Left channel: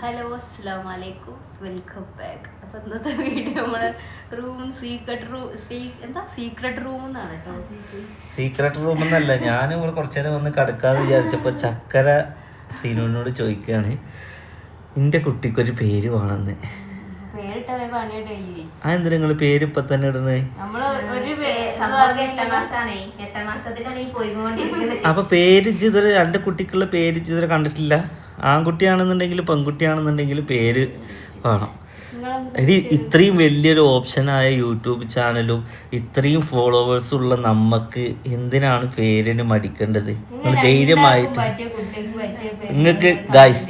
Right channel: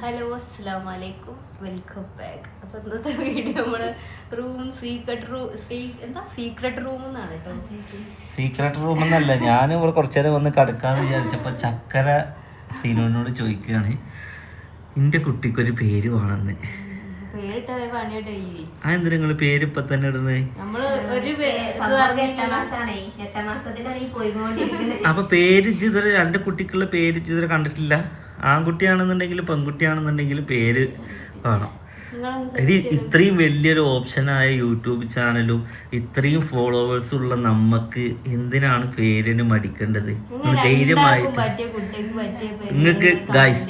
Hello അസ്സലാമലൈക്കും, welcome back. അപ്പോൾ ഇന്നത്തെ വീഡിയോ നമ്മള് സീക്രട്ട് റൂം എന്നാണ് കേട്ടോ. സീക്രട്ട് റൂം എന്നല്ല, ഞാൻ ഇവിടെ കുറച്ചു നേരം വന്ന് കിടക്കാന്ന് വിചാരിച്ചപ്പോൾ ചക്കര സീനുവിനോട് ചോദിക്കുകയാണ് എൻ്റെ കുട്ടിക്കൊരു പേര് വേണമെന്ന്. പേരിട്ട പണിയുടെ അതെന്താ നിങ്ങൾ പേര് ഇപ്പൊ തന്നെ ഇടുന്നത്? അപ്പൊ പേര് ഇതുവരെ രണ്ട് കുട്ടിക്കുള്ള പേര് ഇതുവരെ കണ്ടിട്ടില്ല. ആൺകുട്ടിയാണെന്നുണ്ടെങ്കിൽ പെൺകുട്ടിയാണെന്നുണ്ടെങ്കിൽ പേര് വേണം. ഇനി ഇത്രയും വലിയൊരു ഓപ്ഷനായ യൂട്യൂബ് ചാനലും ഇത്രയും ഫോളോവേഴ്സ് ഉള്ള നമ്മക്ക് എന്തിനാണ് പേരിന് മടിക്കേണ്ടത്? ധൈര്യമായിട്ട്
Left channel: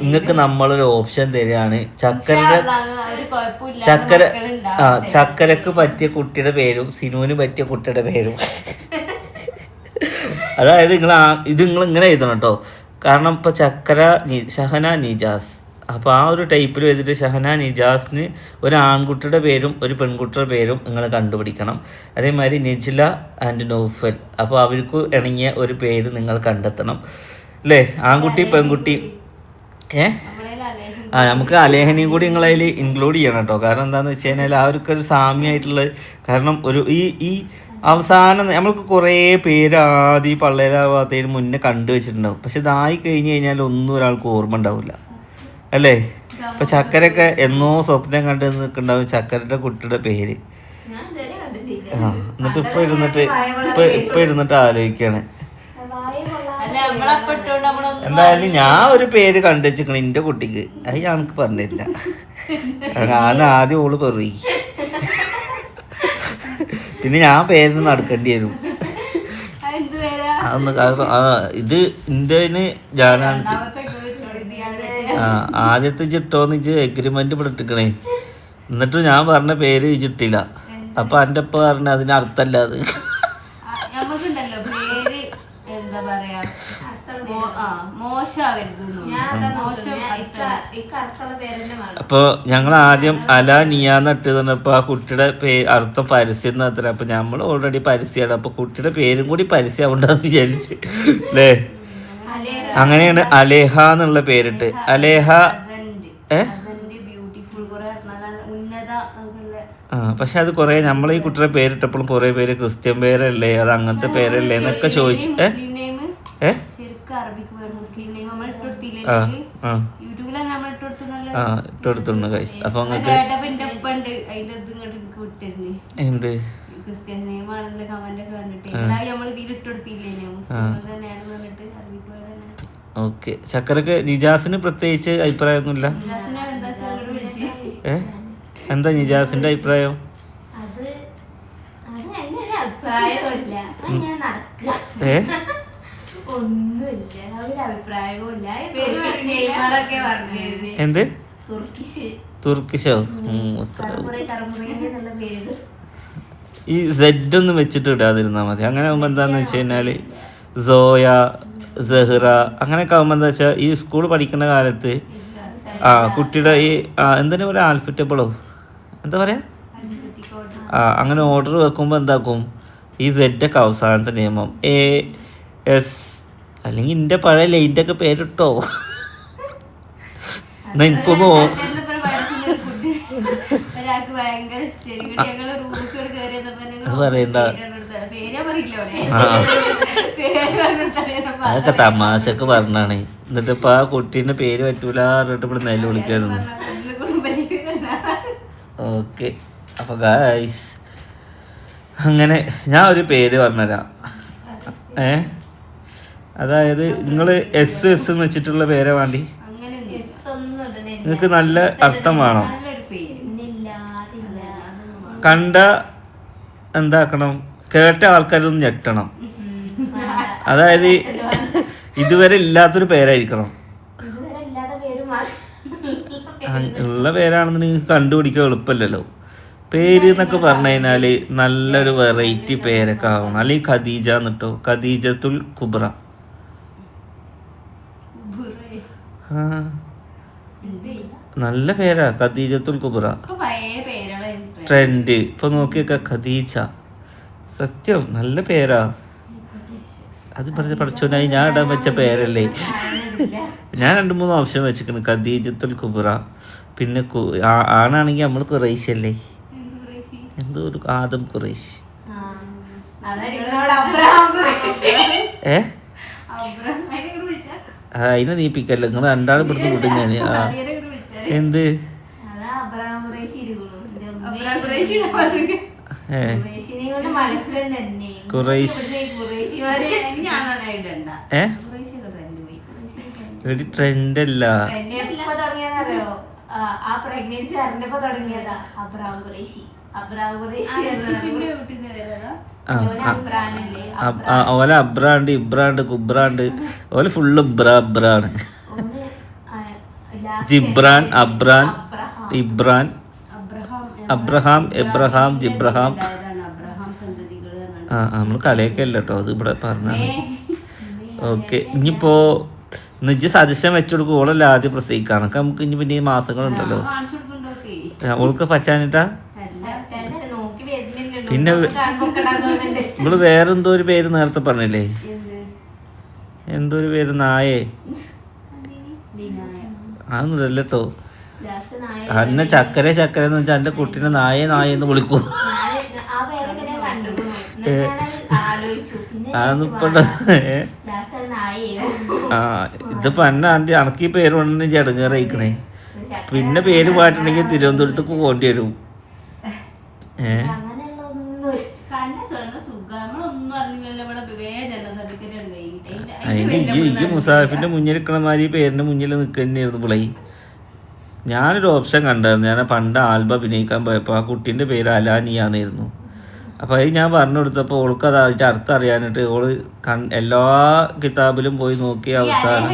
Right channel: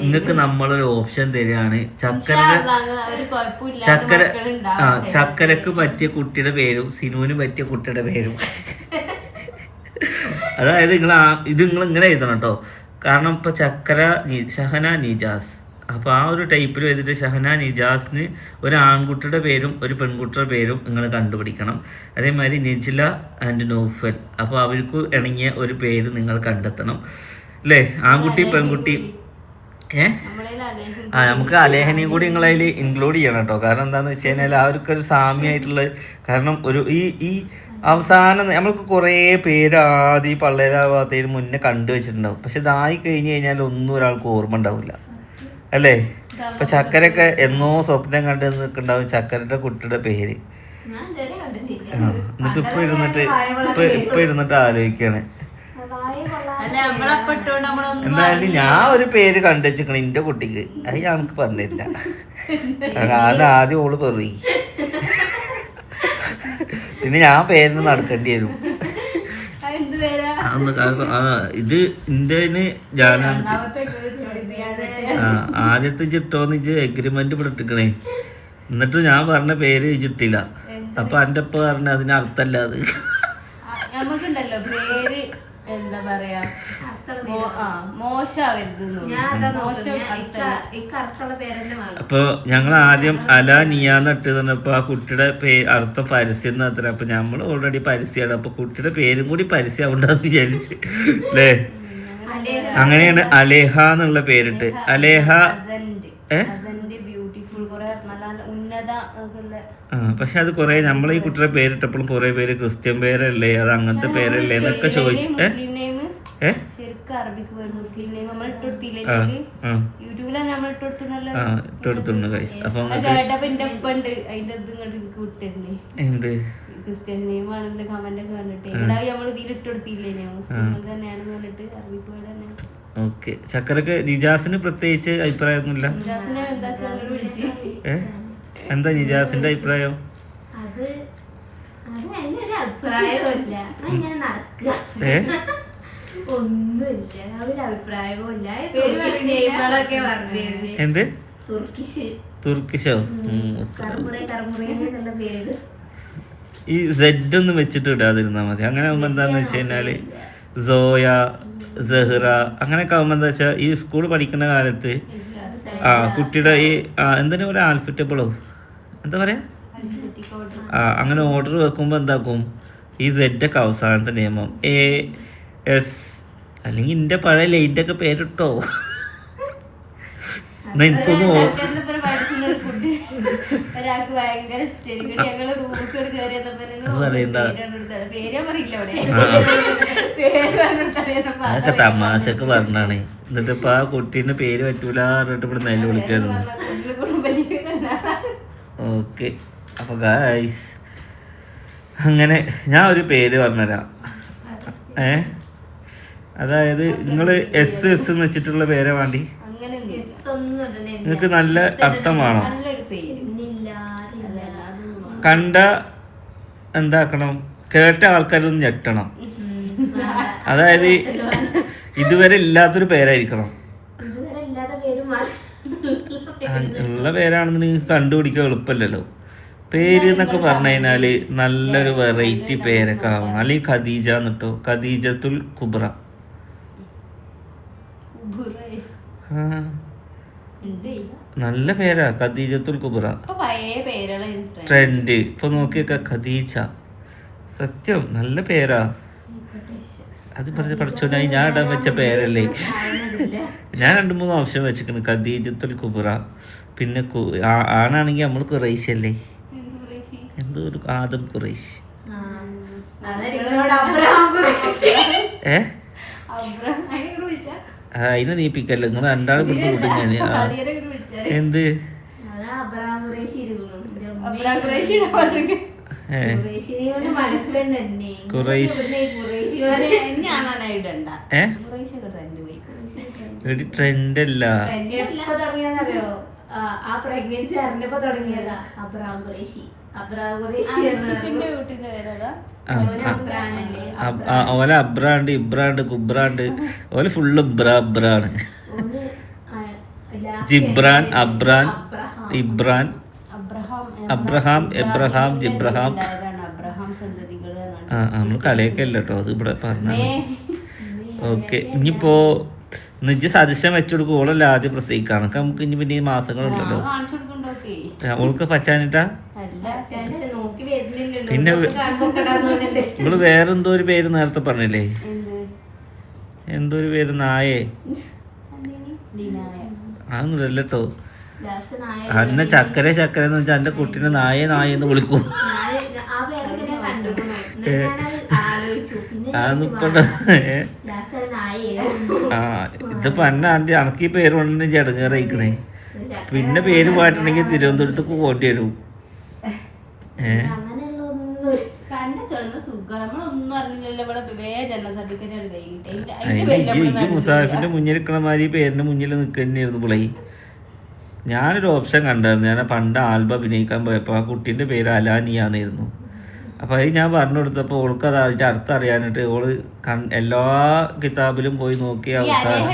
നിങ്ങൾക്ക് നമ്മളൊരു ഓപ്ഷൻ തരികയാണ്. ചക്കരക്ക് പറ്റിയ കുട്ടിയുടെ പേരും സിനുവിന് പറ്റിയ കുട്ടിയുടെ പേരും. അതായത് ഇത് നിങ്ങൾ ഇങ്ങനെ എഴുതണം കേട്ടോ. കാരണം ഇപ്പൊ ചക്കര ഷഹന നിജാസ്, അപ്പോൾ ആ ഒരു ടൈപ്പിൽ എഴുതിയിട്ട് ഷഹന നിജാസിന് ഒരു ആൺകുട്ടിയുടെ പേരും ഒരു പെൺകുട്ടിയുടെ പേരും നിങ്ങൾ കണ്ടുപിടിക്കണം. അതേമാതിരി നിജ്ല ആൻഡ് നൗഫൽ, അപ്പോൾ അവർക്ക് ഇണങ്ങിയ ഒരു പേര് നിങ്ങൾ കണ്ടെത്തണം അല്ലേ? ആൺകുട്ടി പെൺകുട്ടി. നമുക്ക് അലേഹനെയും കൂടി നിങ്ങളതിൽ ഇൻക്ലൂഡ് ചെയ്യണം കേട്ടോ. കാരണം എന്താണെന്ന് വെച്ച് കഴിഞ്ഞാൽ അവർക്കൊരു സാമ്യമായിട്ടുള്ള, കാരണം ഈ അവസാനം നമ്മൾക്ക് കുറേ പേര് ആദ്യം പള്ളേരാവാത്തതിന് മുന്നേ കണ്ടുവച്ചിട്ടുണ്ടാവും. പക്ഷെ ഇതായി കഴിഞ്ഞ് കഴിഞ്ഞാൽ ഒന്നും ഒരാൾക്ക് ഓർമ്മ ഉണ്ടാവില്ല അല്ലേ? ഇപ്പൊ ചക്കരൊക്കെ എന്നോ സ്വപ്നം കണ്ടു നിൽക്കുന്നുണ്ടാവും ചക്കരയുടെ കുട്ടിയുടെ പേര്. എന്നിട്ട് ഇപ്പൊ ഇരുന്നിട്ട് ആലോചിക്കാണ്. എന്തായാലും ഞാൻ ഒരു പേര് കണ്ടുവെച്ചിക്കണ എന്റെ കുട്ടിക്ക്, അത് ഞങ്ങൾക്ക് പറഞ്ഞില്ല. കാരണം ആദ്യം ഓള് പറയും, പിന്നെ ഞാൻ പേരിന് നടക്കേണ്ടി വരും. ഇത് എന്റെ ഞാനാണ് ആദ്യത്തെ ചിട്ടോന്ന് ഇജ്ജ് എഗ്രിമെന്റ് പെട്ടിക്കണേ. എന്നിട്ട് ഞാൻ പറഞ്ഞ പേര് ഇജിട്ടില്ല. അപ്പൊ എന്റെ ഒപ്പം പറഞ്ഞ അതിന് അർത്ഥല്ല. അത് എന്താ പറയാ, അപ്പൊ ഞങ്ങൾ ആദ്യം അല നിയാന്ന് ഇട്ടപ്പോ ആ കുട്ടിയുടെ അർത്ഥം പരസ്യം എന്നത്ര. അപ്പൊ നമ്മൾ ഓൾറെഡി പരസ്യമാണ്, അപ്പൊ കുട്ടിയുടെ പേരും കൂടി പരസ്യമാവണ്ടെന്ന് വിചാരിച്ച് അല്ലേ? അങ്ങനെയാണ് അലേഹ എന്നുള്ള പേരിട്ട്. അലേഹ പക്ഷെ അത് കുറെ നമ്മളെ ഈ കുട്ടിയുടെ പേരിട്ടപ്പോഴും കുറെ പേര് ക്രിസ്ത്യൻ പേരല്ലേ, അത് അങ്ങനത്തെ പേരല്ലേ എന്നൊക്കെ ചോദിച്ചു. അപ്പൊ എന്ത് ഓക്കെ. ചക്കരക്ക് നിജാസിന് പ്രത്യേകിച്ച് അഭിപ്രായമൊന്നുമില്ല. എന്താ നിജാസിന്റെ അഭിപ്രായം? എന്ത് തുർക്കിഷോ? ഈ സെഡ് ഒന്നും വെച്ചിട്ട് ഇടാതിരുന്നാ മതി. അങ്ങനെ ആകുമ്പോ എന്താന്ന് വെച്ച് കഴിഞ്ഞാല് സോയ, സെഹ്റ അങ്ങനെയൊക്കെ ആകുമ്പോ എന്താ വെച്ചാൽ ഈ സ്കൂൾ പഠിക്കുന്ന കാലത്ത് കുട്ടിയുടെ ഈ എന്തിനാ ഒരു ആൽഫറ്റബിളോ എന്താ പറയാ, അങ്ങനെ ഓർഡർ വെക്കുമ്പോ എന്താക്കും, ഈ സെഡൊക്കെ അവസാനത്തെ നിയമം AS അല്ലെങ്കിൽ എന്റെ പഴയ ലൈൻ്റെ ഒക്കെ പേരിട്ടോ. എന്നാ എനിക്കൊന്ന് അതൊക്കെ തമാശക്ക് പറഞ്ഞാണ്. എന്നിട്ട് ഇപ്പൊ ആ കുട്ടീന്റെ പേര് പറ്റൂല പറഞ്ഞിട്ട് ഇവിടെ നെല്ല് വിളിക്കായിരുന്നു. ഓക്കെ. അപ്പൊ ഗായ്സ് അങ്ങനെ ഞാൻ ഒരു പേര് പറഞ്ഞുതരാം. അതായത് നിങ്ങള് S എന്ന് വെച്ചിട്ടുള്ള പേരെ വേണ്ടി നിങ്ങൾക്ക് നല്ല അർത്ഥം വേണം. കണ്ട എന്താക്കണം, കേട്ട ആൾക്കാരൊന്നും ഞെട്ടണം. അതായത് ഇതുവരെ ഇല്ലാത്തൊരു പേരായിരിക്കണം. ഉള്ള പേരാണെന്ന് നിങ്ങൾക്ക് കണ്ടുപിടിക്കാൻ എളുപ്പമല്ലല്ലോ. പേര് എന്നൊക്കെ പറഞ്ഞു കഴിഞ്ഞാല് നല്ലൊരു വെറൈറ്റി പേരൊക്കെ ആവണം. അല്ലെങ്കിൽ ഖദീജ എന്നിട്ടോ, ഖദീജത്തുൽ കുബ്ര. നല്ല പേരാ ഖദീജത്തുൽ കുബ്ര. ട്രെൻഡ് ഇപ്പൊ നോക്കിയൊക്കെ ഖദീജ, സത്യം നല്ല പേരാ. അത് പറഞ്ഞ പഠിച്ചോണ്ടായി ഞാൻ ഇടാൻ വെച്ച പേരല്ലേ. ഞാൻ 2-3 ഓപ്ഷൻ വെച്ചിരിക്കുന്നു. ഖദീജത്തുൽ കുബ്ര, പിന്നെ ആണാണെങ്കിൽ നമ്മൾ ഖുറൈശ് അല്ലേ, എന്തോ ഒരു ആദം ഖുറൈശ്. അതിനെ നീപ്പിക്കല്ല, നിങ്ങൾ രണ്ടാളും ഇവിടുന്ന് വിടും ഞാൻ. എന്ത് ഒരു ട്രെൻഡ് അല്ല. ആ പ്രഗ്നൻസി അറിഞ്ഞപ്പോ തുടങ്ങിയതാ അബ്രാം ഖുറൈശി. ഓല അബ്രാണ്ട് ഇബ്രാണ്ട് കുബ്രാണ്ട് ഓല ഫുള്ള് ഇബ്രാണ്. ജിബ്രാൻ, അബ്രാൻ, ഇബ്രാൻ, അബ്രഹാം, എബ്രഹാം, ജിബ്രഹാം. നമ്മൾ കളിയൊക്കെ അല്ല കേട്ടോ, അത് ഇവിടെ പറഞ്ഞു. ഓക്കെ, ഇനിയിപ്പോ നിജ സജഷൻ വെച്ചുകൊടുക്കും. ഓളല്ല ആദ്യം പ്രസവിക്കാണ്. നമുക്ക് ഇനി പിന്നെ മാസങ്ങളുണ്ടല്ലോ. ഓൾക്ക് പറ്റാനിട്ടാ. പിന്നെ നമ്മള് വേറെന്തോ ഒരു പേര് നേരത്തെ പറഞ്ഞില്ലേ, എന്തോ ഒരു പേര്, നായേ. അതൊന്നുമില്ല കേട്ടോ. അന്നെ ചക്കര എന്ന് വെച്ചാൽ എന്റെ കുട്ടീനെ നായെന്ന് വിളിക്കും. ഇതിപ്പോ എന്നെ ആണ്ടി അണക്കി പേര് കൊണ്ടു ചടങ്ങേറിയിക്കണേ. പിന്നെ പേര് മാറ്റണമെങ്കിൽ തിരുവനന്തപുരത്തേക്ക് പോകേണ്ടി വരും. ഈ മുസാഫിന്റെ മുന്നിൽ നിൽക്കണ മാതിരി പേരിന്റെ മുന്നിൽ നിൽക്കുന്നതായിരുന്നു പിള്ളേ. ഞാനൊരു ഓപ്ഷൻ കണ്ടായിരുന്നു. ഞാൻ പണ്ട് ആൽബം അഭിനയിക്കാൻ പോയപ്പോൾ ആ കുട്ടീൻ്റെ പേര് അലാനിയാന്നായിരുന്നു. അപ്പോൾ അത് ഞാൻ പറഞ്ഞു കൊടുത്തപ്പോൾ ഓൾക്ക് അത് അതിൻ്റെ അർത്ഥം അറിയാനായിട്ട് ഓള് എല്ലാ കിതാബിലും പോയി നോക്കി അവസാനം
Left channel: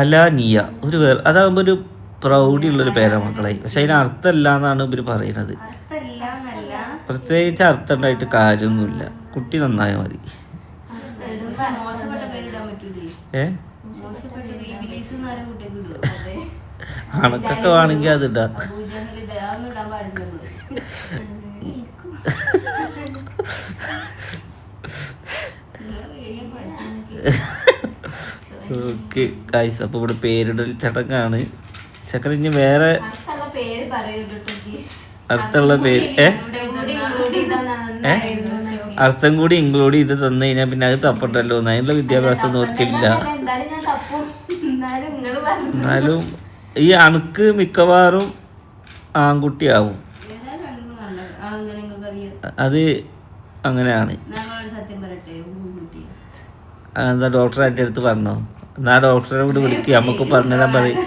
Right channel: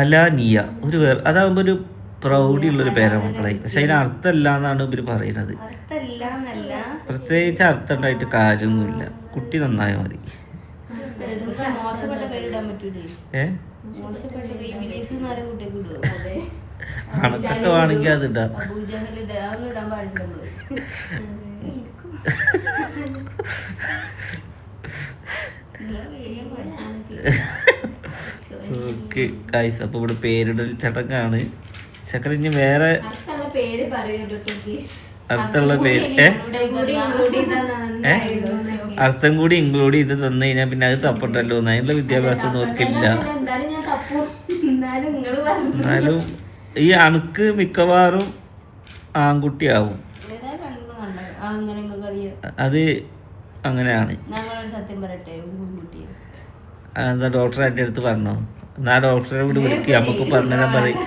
അലാനിയ ഒരു അതാകുമ്പോൾ ഒരു പ്രൗഢിയുള്ളൊരു പേരാണ് മക്കളെ. പക്ഷെ അതിന് അർത്ഥമല്ല എന്നാണ് ഇവർ പറയുന്നത്. പ്രത്യേകിച്ച് അർത്ഥം ഉണ്ടായിട്ട് കാര്യമൊന്നുമില്ല. കുട്ടി നന്നായ മതി. അണക്കൊക്കെ വേണമെങ്കിൽ അതിടാ. ഓക്കെ ഗൈസ്, അപ്പൊ ഇവിടെ പേരിടൽ ചടങ്ങാണ്. ചക്കര ഇനി വേറെ അടുത്തുള്ള പേര് അർത്ഥം കൂടി ഇൻക്ലൂഡ് ചെയ്ത് തന്നു കഴിഞ്ഞാൽ പിന്നെ അത് തപ്പട്ടല്ലോ. അതിനുള്ള വിദ്യാഭ്യാസം നോക്കില്ല. എന്നാലും ഈ അണുക്ക് മിക്കവാറും ആൺകുട്ടിയാവും. അത് അങ്ങനെയാണ്. എന്താ ഡോക്ടർ എൻ്റെ അടുത്ത് പറഞ്ഞോ? എന്നാ ഡോക്ടറെ കൂടി വിളിക്കുക, നമുക്ക് പറഞ്ഞുതരാൻ പറയും.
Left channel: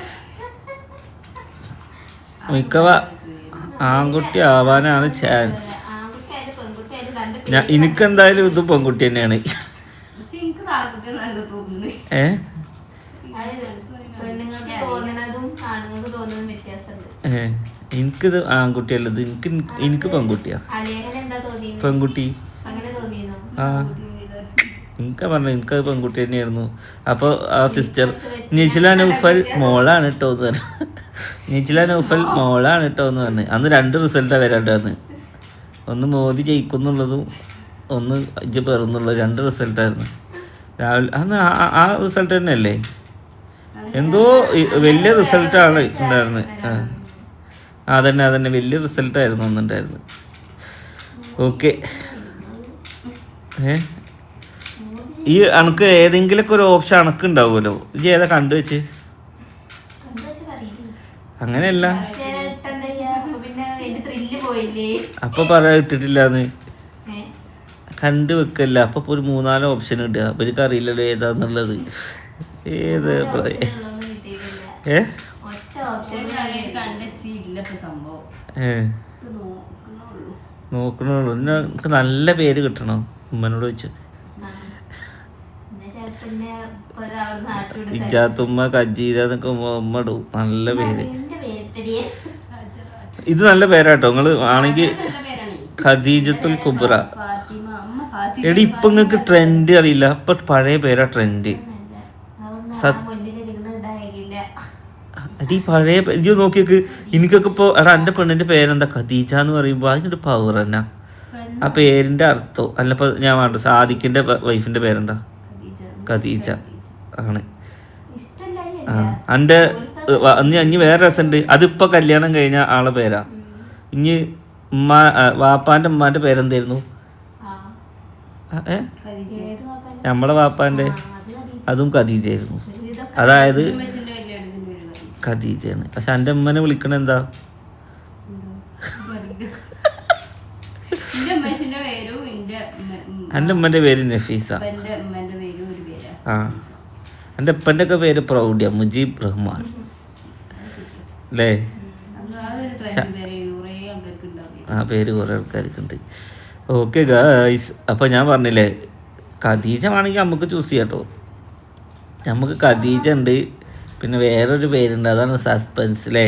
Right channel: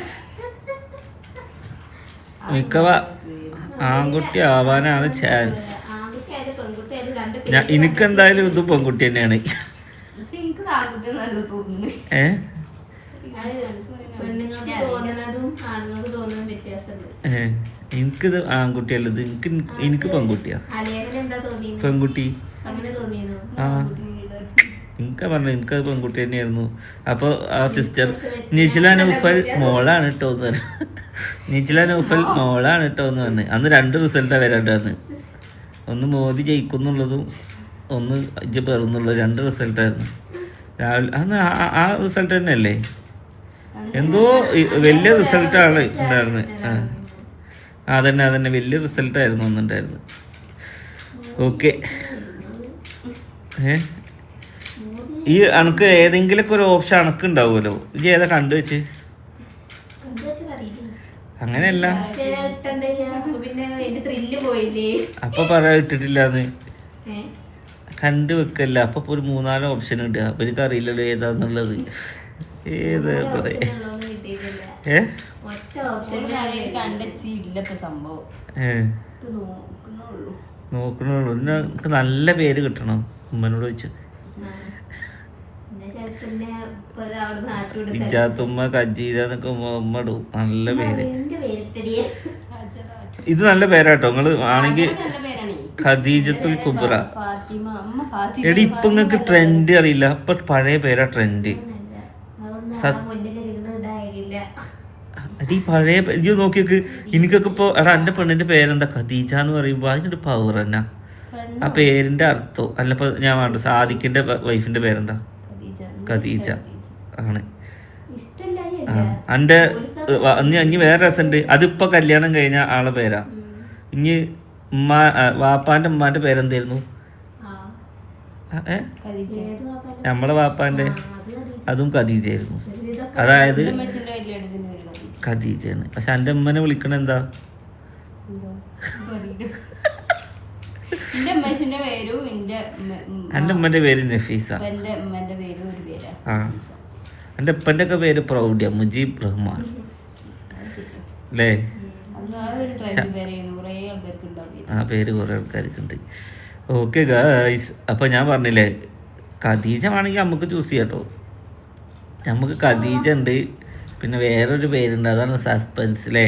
ആൺകുട്ടി ആവാനാണ് ചാൻസ്. എനിക്കെന്തായാലും ഇത് പെൺകുട്ടി തന്നെയാണ്. എനിക്കിത് ആൺകുട്ടിയല്ലത്, എനിക്ക് പെൺകുട്ടിയാ. പെൺകുട്ടി ആ എനിക്ക് പറഞ്ഞു, എനിക്കത് പെൺകുട്ടി തന്നെയായിരുന്നു. അപ്പോൾ ആ സിസ്റ്റർ നിജില നൗഫൽ മോളാണ് കേട്ടോ എന്ന് പറഞ്ഞു. നിജില നൗഫൽ മോളാണ് കേട്ടോ എന്ന് പറഞ്ഞു. അന്ന് 2 റിസൾട്ടാണ് വരാണ്ടാന്ന്. ഒന്ന് മോദി ജയിക്കുന്നുള്ളതും ഒന്ന് ഇജ്ജ് പെറുന്നുള്ളതും 2 റിസൾട്ടായിരുന്നു രാവിലെ. അന്ന് ആ റിസൾട്ട് തന്നെയല്ലേ, എന്തോ വലിയ റിസൾട്ടാണ് ഉണ്ടായിരുന്നത്. അതന്നെ വലിയ റിസൾട്ടായിരുന്നു ഒന്നുണ്ടായിരുന്നു. ഓക്കെ, ഈ അണക്ക് ഏതെങ്കിലുമൊക്കെ ഒരു ഓപ്ഷൻ അണക്ക് ഉണ്ടാവുമല്ലോ. ഇത് ഏതാ കണ്ടുവെച്ച്? അങ്ങനെയല്ല, അപ്പൊ പറയാ ഇട്ടിട്ടില്ലാന്ന് കണ്ടു വെക്കല്ല. അപ്പൊ ഒരു 3-4 ഓപ്ഷൻ ഉണ്ട്. അപ്പൊ എനിക്ക് അറിയില്ലല്ലോ ഏതാന്നുള്ളത്. ഏത് നോക്കണുള്ളൂ. എനിക്ക് നല്ല പേര് കിട്ടണം. ഉമ്മനോട് വെച്ചത് ഇജാത്തുമ്മ കജീര എന്നൊക്കെ ഉമ്മ ഇടും. നല്ല പേര്. ഇത് നല്ല പേരാട്ടോ. നിങ്ങള് ആണെങ്കിൽ ഖദീജത്തുൽ കുബ്ര. എടി ഇപ്പൊ നിങ്ങക്ക് ട്രെൻഡ് അറിയില്ല. ഇപ്പൊ പഴയ പേരാ ട്രെൻഡ്. എടി പഴയ ഇത് നോക്കിയൊക്കെ. എനിക്കൊക്കെ ഇപ്പൊ എടാ എന്റെ പെണ്ണിന്റെ പേരെന്താ ഖദീജ എന്ന് പറയുമ്പോ അതിനൊരു പവർ എന്നാ. ആ പേരിന്റെ അർത്ഥം അല്ലപ്പോ ഞാൻ വേണ്ട സാദിഖിന്റെ വൈഫിന്റെ പേരെന്താ? ഖദീജ ആണ്. ആ എൻ്റെ ഇനി വേറെ രസമുണ്ട്. അതിപ്പോ കല്യാണം കഴിഞ്ഞ ആളെ പേരാ. ഇനി വാപ്പാന്റെ ഉമ്മാന്റെ പേരെന്തായിരുന്നു? നമ്മളെ വാപ്പാന്റെ അതും ഖദീജയായിരുന്നു. അതായത് ഖദീജയാണ്. പക്ഷെ എൻ്റെ ഉമ്മനെ വിളിക്കണ എന്താ? എൻ്റെ ഉമ്മന്റെ പേര് നഫീസ. ആ എൻ്റെ ഉപ്പൻ്റെ ഒക്കെ പേര് പ്രൗഢ്യ, മുജീബ് റഹ്മാൻ അല്ലേ? ആ പേര് കുറെ ആൾക്കാർക്ക് ഉണ്ട്. ഓക്കെ ഗായ്സ്, അപ്പോൾ ഞാൻ പറഞ്ഞില്ലേ ഖദീജ വേണമെങ്കിൽ നമുക്ക് ചൂസ് ചെയ്യാം കേട്ടോ. നമുക്ക് ഖദീജ ഉണ്ട്, പിന്നെ വേറൊരു പേരുണ്ട്, അതാണ് സസ്പെൻസ് അല്ലേ?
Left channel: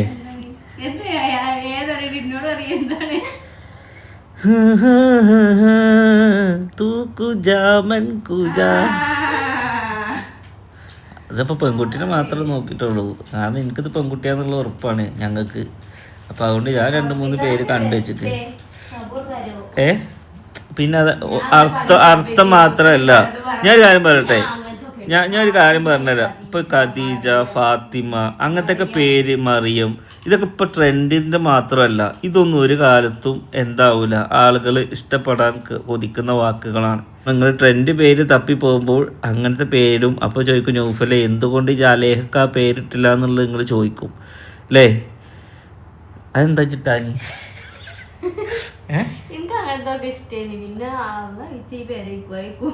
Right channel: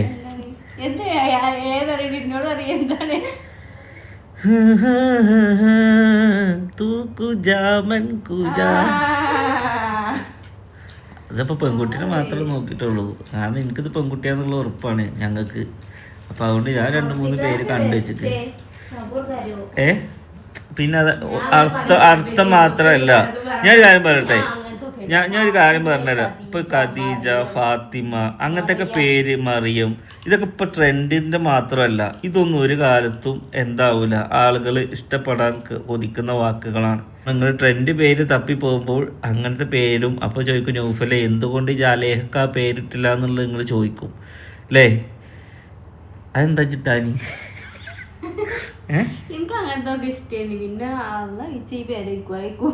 അതിപ്പോൾ പെൺകുട്ടീനെ മാത്രമേ നോക്കിയിട്ടുള്ളൂ. കാരണം എനിക്കിത് പെൺകുട്ടിയാന്നുള്ള ഉറപ്പാണ് ഞങ്ങൾക്ക്. അപ്പോൾ അതുകൊണ്ട് ഞാൻ 2-3 പേര് കണ്ടു വെച്ചിട്ട് പിന്നെ അത് അർത്ഥം മാത്രമല്ല. ഞാനൊരു കാര്യം പറയട്ടെ, ഞാനൊരു കാര്യം പറഞ്ഞുതരാം. ഇപ്പൊ ഖദീജ, ഫാത്തിമ അങ്ങനത്തെ ഒക്കെ പേര്, മറിയം, ഇതൊക്കെ ഇപ്പൊ ട്രെൻഡിന്റെ മാത്രമല്ല. ഇതൊന്നും ഒരു കാലത്തും എന്താവൂല, ആളുകൾ ഇഷ്ടപ്പെടാൻ കൊതിക്കുന്ന വാക്കുകളാണ്. നിങ്ങൾ ട്രെൻഡ് പേര് തപ്പി പോകുമ്പോൾ അങ്ങനത്തെ പേരും അപ്പോൾ ചോദിക്കും നൗഫലെ എന്തുകൊണ്ട് ഈ ജാലേഹക്ക് ആ പേരിട്ടില്ല എന്നുള്ളത് നിങ്ങൾ ചോദിക്കും അല്ലേ? അതെന്താ ചിട്ടാനി? എനിക്ക് അങ്ങനത്തെ ഒക്കെ ഇഷ്ടമാണ്. പിന്നെ പേരേക്കും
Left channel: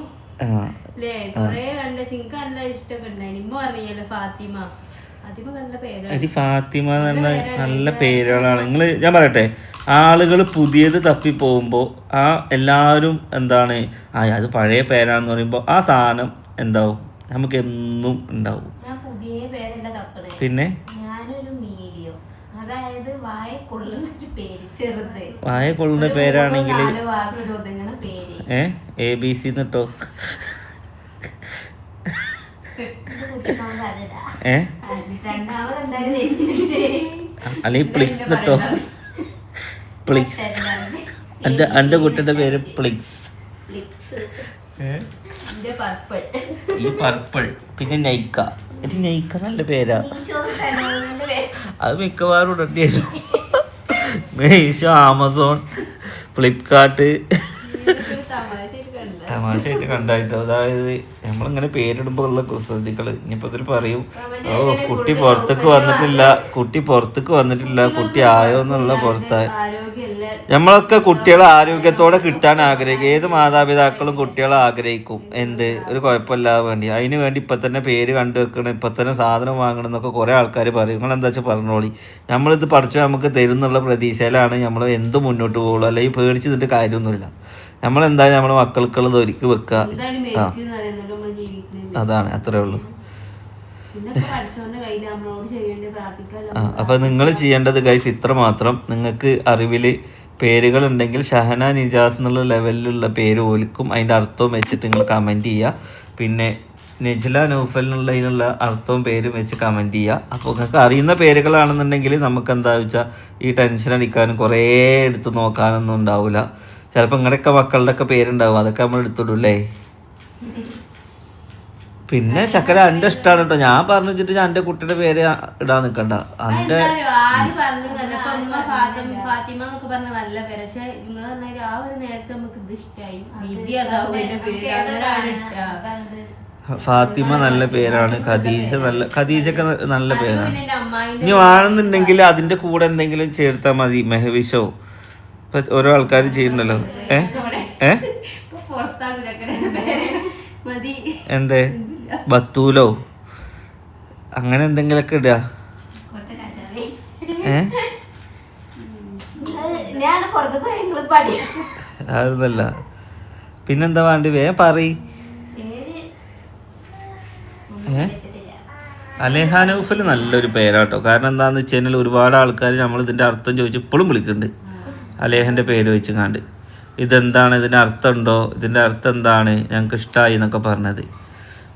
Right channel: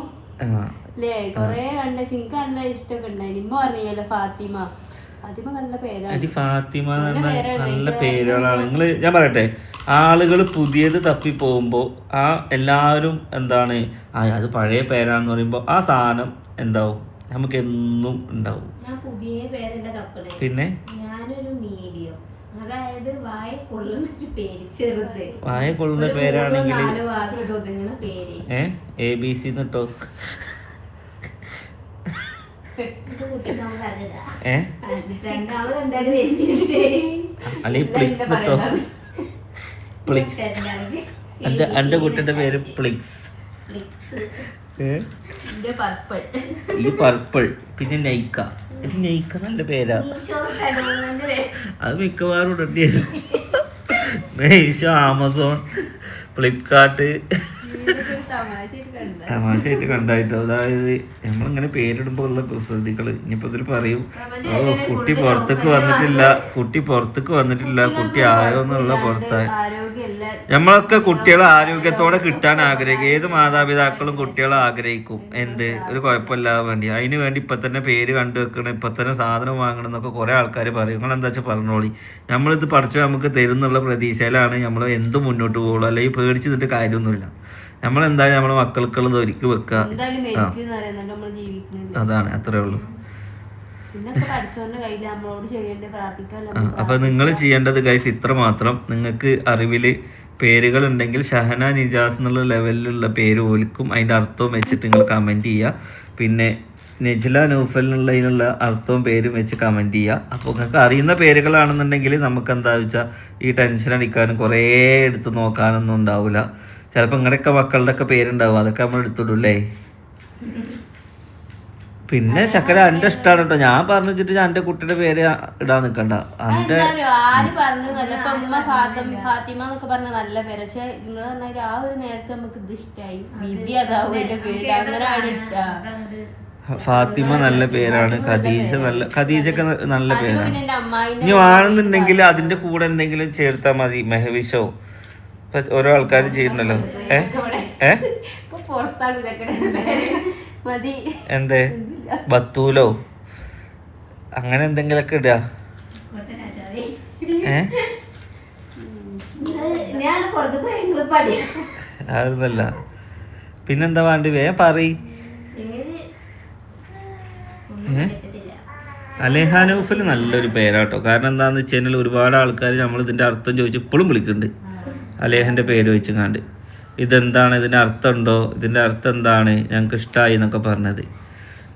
അല്ലേ കൊറേ കണ്ട എനിക്ക് നല്ല ഇഷ്ടമൊക്കെ ഉണ്ടായിരുന്നു. ഇമ്മ പറഞ്ഞല്ലോ ഫാത്തിമ. ഫാത്തിമ നല്ല പേരാണ്. ഫാത്തിമ നല്ല പേരുകളാണ്. ഞാൻ പറയട്ടെ, ആളുകൾ പുതിയത് തപ്പി പോകുമ്പോൾ ആ എല്ലാവരും എന്താണ് അത് പഴയ പേരാണെന്ന് പറയുമ്പോൾ ആ സാധനം എന്താവും നമുക്ക് എന്നും ഉണ്ടാവും. ഞാൻ പുതിയ പേരല്ല തപ്പണേ, പിന്നെ ഞാനൊരു മീഡിയം, അതായത് വായ കൊള്ളുന്ന പേര്, ചെറുത് വായ കൊള്ളുന്ന പേരാണെങ്കിൽ ABC എന്നിട്ടോ അല്ലെങ്കിൽ പ്ലിക്സ് എന്നിട്ടോ? പ്ലിക്സ്. എൻ്റെ കുട്ടിയുടെ പേര് പ്ലിക്സ്. ഈ പർപ്പിൾ. പിന്നെ നൈക്ക. ഇത് നൈക്ക നല്ല പേരാ. അത് മിക്കവാറും ഇടേണ്ടി. മീഷോ, ആമസോൺ, ഫ്ലിപ്കാർട്ട് തമാശയായിട്ട് കണ്ടായിട്ടോ. അതായത് നമ്മളിങ്ങനെ പേരിടുമ്പോൾ ഉള്ള കുസൃതികൾ. ഇനിയിപ്പോൾ ഇതിൽ പറയും കുട്ടി പുറത്തേക്ക് വന്നിട്ടില്ല, കുട്ടി ആയോ എന്നുള്ള പുറത്ത്. നമ്മളൊക്കെ കുട്ടികളെ ആരോഗ്യത്തോടെ കിട്ടാൻ ആഗ്രഹിക്കും. ഏത് മാതാപിതാക്കളും കുട്ടികളെ ആഗ്രഹിക്കും. ഒരു കുഴപ്പമില്ലാതെ വേണ്ടി. അതിന് വേണ്ടി ഇപ്പം തന്നെ പേര് കണ്ടു വെക്കണം, ഇപ്പം തന്നെ സാധനം വാങ്ങണം എന്നൊക്കെ കുറേ ആൾക്കാർ പറയും. നിങ്ങളെന്താ വെച്ചാൽ പറഞ്ഞോളി. നമ്മളിത് പഠിച്ചാൽ നമുക്ക് തരുന്നുള്ള പ്രതീക്ഷയിലാണ് നമ്മൾ എന്ത് മുന്നോട്ട് പോകുള്ളൂ. അല്ലെങ്കിൽ പേടിച്ച് നിന്നിട്ട് കാര്യമൊന്നുമില്ല. നമ്മളെന്തായാലും നമ്മളെ മക്കൾക്കുള്ളത് ഒരുക്കി വെക്കുക. അതാണ്, അത്രേ ഉള്ളൂ. അപ്പൊ നിങ്ങൾ ചെയ്യേണ്ടത് ഗൈസ് ഇത്ര മാത്രം. നിങ്ങൾക്ക് അറിവില് പേരുകൾ ഉണ്ടെങ്കിൽ ഷഹന നിജാസ് എന്നുള്ള ലെവലിലുള്ള പേര് ഓലിക്കും അതിൻ്റെ അർത്ഥവും വെച്ചിട്ട് നിങ്ങൾ കമൻറ്റ് ചെയ്യുക. പിന്നെ നെജ്ല നൗഫൽ എന്നുള്ളതിനുള്ള അർത്ഥവും പേരും വെച്ച് കമൻറ്റ് ചെയ്യുക. അപ്പോൾ നിങ്ങൾക്ക് അറിയുന്ന പേരുകളാണെന്നുണ്ടെങ്കിൽ നമുക്ക് എന്താ വെച്ചാൽ ഈ ടെൻഷൻ അടിക്കാനും കുറേ എടുത്ത് നോക്കാനൊന്നും ഉണ്ടാവില്ല. ചിലപ്പോൾ നിങ്ങളുടെയൊക്കെ മക്കളുടെ ഒക്കെ പേരുണ്ടാവും, അതൊക്കെ നമ്മൾ എടുത്തിടൂല്ലേ. പിന്നെ ചക്കര എൻ്റെ ഇഷ്ടമാണ് കേട്ടോ. ഞാൻ പറഞ്ഞു വെച്ചിട്ട് ഞാൻ എൻ്റെ കുട്ടിയുടെ പേര് ഇടാൻ നിൽക്കണ്ട. എൻ്റെ ഫാത്തിമ നല്ല പേരാണ്. ഖദീജക്ക് നല്ല പേരാണ്. ഇനി വേണമെന്നുണ്ടെങ്കിൽ അതിൻ്റെ കൂടെ എന്തെങ്കിലും ചേർത്താൽ മതി. മെഹവിഷോ ഓരോ ആൾക്കാർ ചെയ്യുന്നല്ലോ. എന്തേ ബത്തൂലോ അങ്ങനെ എന്തെങ്കിലൊക്കെ ഇടുക. അതല്ല പിന്നെന്താ വേണ്ടി വേഗം പറയ്. അലേഹ നൗഫൽ നല്ലൊരു പേരാട്ടോ. കാരണം എന്താന്ന് വെച്ച് കഴിഞ്ഞാൽ ഒരുപാട് ആൾക്കാർ നമ്മൾ ഇതിൻ്റെ അർത്ഥം ചോദിച്ച് ഇപ്പോഴും വിളിക്കുന്നുണ്ട്. അലേഹൻ്റെ പേര് വെച്ചുങ്ങാണ്ട് ഇതെന്താണ്, ഇതിൻ്റെ അർത്ഥം ഉണ്ടോ, ഇതിൻ്റെ അർത്ഥം എന്താണ്, ഞങ്ങൾക്ക് ഇഷ്ടമായി എന്നൊക്കെ പറഞ്ഞത്.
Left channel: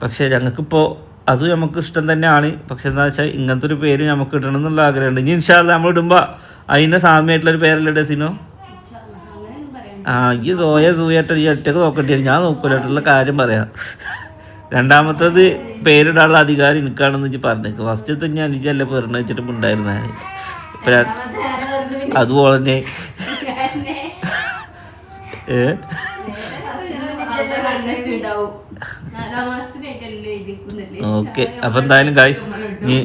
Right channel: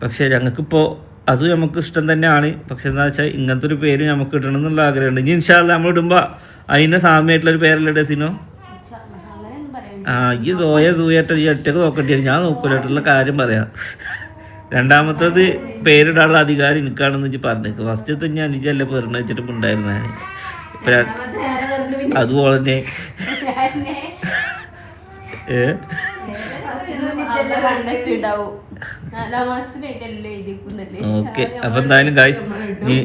പക്ഷേ ഞങ്ങൾക്കിപ്പോൾ അത് നമുക്ക് ഇഷ്ടം തന്നെയാണ്. പക്ഷെ എന്താ വെച്ചാൽ ഇങ്ങനത്തെ ഒരു പേര് നമുക്ക് ഇടണം എന്നുള്ള ആഗ്രഹമുണ്ട്. ഇനി ഇൻഷാ അല്ലാഹ് നമ്മൾ ഇടുമ്പോൾ അതിൻ്റെ സാമ്യമായിട്ടുള്ളൊരു പേരല്ലേ ഡെസിനോ? ഈ സൂയായിട്ട് ഈ ഒറ്റക്ക് നോക്കേണ്ടി വരും. ഞാൻ നോക്കൂലായിട്ടുള്ള കാര്യം പറയാം. രണ്ടാമത്തത് പേരിടാനുള്ള അധികാരം എനിക്കാണെന്ന് വെച്ച് പറഞ്ഞേക്ക്. ഫസ്റ്റത്തെ ഞാൻ എനിക്കല്ല പെരുന്ന വെച്ചിട്ട് ഉണ്ടായിരുന്ന അതുപോലെ തന്നെ ഓക്കെ. അപ്പം എന്തായാലും ഗൈസ് ഇനി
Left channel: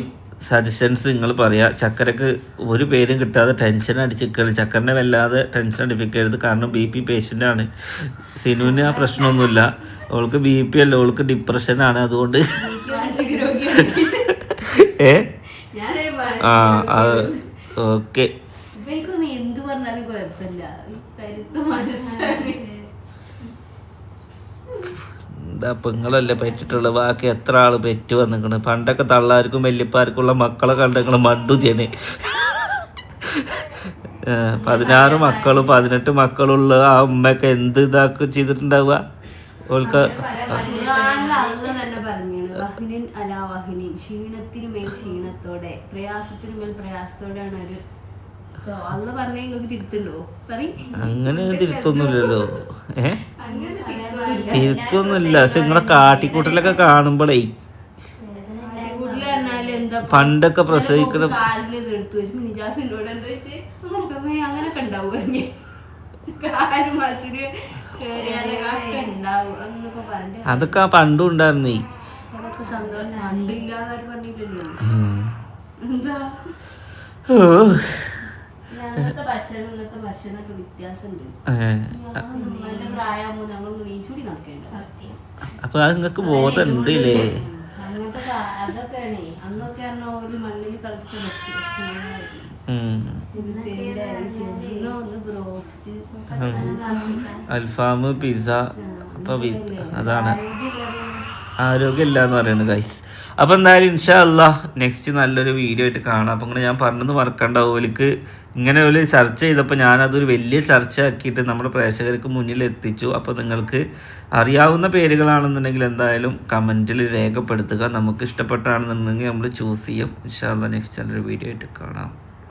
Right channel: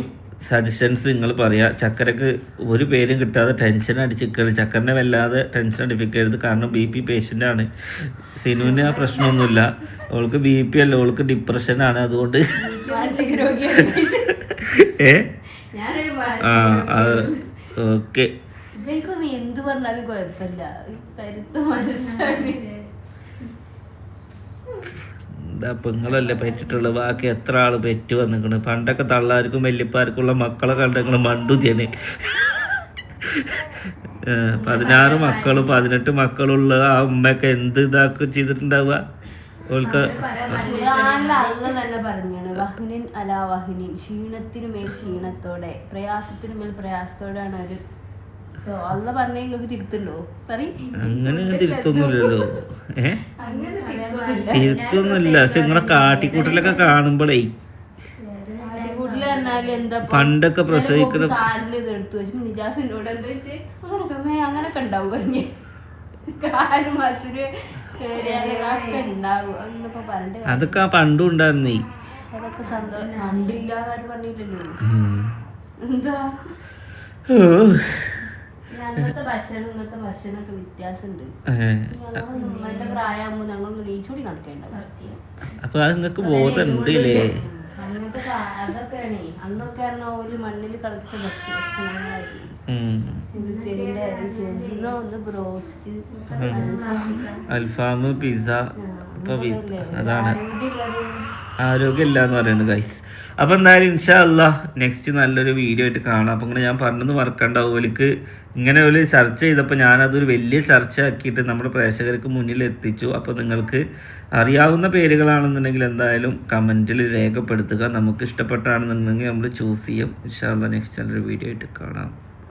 സജഷൻസ് നിങ്ങൾ പറയാം. ചക്കരക്ക് ഒരു പേരും കിട്ടാതെ ടെൻഷൻ അടിച്ചിരിക്കരുത്. ചക്കരനെ വല്ലാതെ ടെൻഷൻ അടിപ്പിക്കരുത്. കാരണം BP പേഷ്യൻ്റാണ്. സിനുവിന് ആ പ്രശ്നമൊന്നുമില്ല. അവൾക്ക് BP അല്ല, അവൾക്ക് ഡിപ്രഷനാണ്. അതുകൊണ്ട് ഓക്കെ. എന്ത് പറഞ്ഞാലും കുഴപ്പമില്ല. കരുത്ത് മനസ്സാണ്. എന്താ പെങ്ങളല്ലേ പറ്റിട്ടുള്ളത്. ബാക്കി എത്ര ആള് പെറ്റു വന്നിക്കണ്. പണ്ടൊക്കെ തള്ളാർക്കും വല്യപ്പാർക്കുള്ള മക്കളെ കണ്ടിക്കണ് മണ്ടുതിയന്. 16 മക്കളും 18 മക്കളുള്ള ആ ഉമ്മയൊക്കെ എന്ത് ഇതാക്കി ചെയ്തിട്ടുണ്ടാവുക. അവൾക്ക് ക്ഷീണത്തിനുമേൽ ക്ഷീണത്തോടെ പ്രയാസത്തിനുമേൽ പ്രയാസത്തോടെയാണ് ഒരു അള്ള പറഞ്ഞ നിങ്ങൾക്ക് തിരുത്തുണ്ടോ? അങ്ങനെ തിരുത്തൊന്നുമില്ലല്ലോ. തിരുത്തൊന്നുമില്ല. പക്ഷെ നിങ്ങളെ കാട്ടിക്കൂട്ടലൊക്കെ കാണുമ്പോഴേ പണ്ടൊക്കെ പ്രസവിക്കുന്ന അങ്ങനൊക്കെ ഉണ്ടാവും. അതൊക്കെ പണ്ടും ഉണ്ടായിരുന്നേ. അതൊക്കെ സന്തോഷം. പണ്ടില്ലാതെ പറഞ്ഞില്ലല്ലോ. എന്താ ഞങ്ങളത്തെ ഭക്ഷണം ഇന്നത്തെ ഭക്ഷണമൊക്കെ വ്യത്യാസമുണ്ട്. നല്ല പ്രായമാകുമ്പോ ഞങ്ങളൊന്ന് നീച്ചൂടി നടക്കേണ്ട. അപ്പൊ അത് നിങ്ങൾക്ക് ബോധമുണ്ട് ഇല്ലേ? അങ്ങനത്തെ അതൊക്കെയാണേ. അന്നൊക്കെ പറഞ്ഞാൽ ഒരു മണ്ണിൽ കളിച്ച ഭക്ഷണങ്ങളായിരുന്നു. അൽഫാം, പിസ്സ. അപ്പൊ അതാണ് ആരോഗ്യമില്ല എന്ന് പറയുന്നത് ഗൈസ്. അപ്പം എന്തായാലും ഇൻഷാ അല്ലാഹ് നെക്സ്റ്റ് നല്ലൊരു വീഡിയോ ആയിട്ട് കാണാം. അപ്പം ഇങ്ങനെ ഞാൻ പറഞ്ഞത് മറക്കണ്ട. ഓലിക്ക് ഇങ്ങനെ ഒരു ചർച്ച ചെയ്തപ്പോൾ ഞാനതൊരു വലിയ ചർച്ച ആക്കിയിട്ട് നമ്മുടെ പ്രേക്ഷകർക്ക് മുന്നിൽ എത്തിച്ചു. അപ്പോൾ നിങ്ങൾക്ക് അറിയാവുന്ന പേരുകളാണെന്നുണ്ടെങ്കിൽ എന്തായാലും കമൻറ്റിൽ രേഖപ്പെടുത്തുക. നമുക്ക് ഇഷ്ടപ്പെട്ടാണെന്നുണ്ടെങ്കിൽ നമ്മൾ ചൂസ് ചെയ്യും. ഇൻഷാ അല്ലാഹ് നെക്സ്റ്റ് നല്ലൊരു വീഡിയോ ആയിട്ട് കാണാം.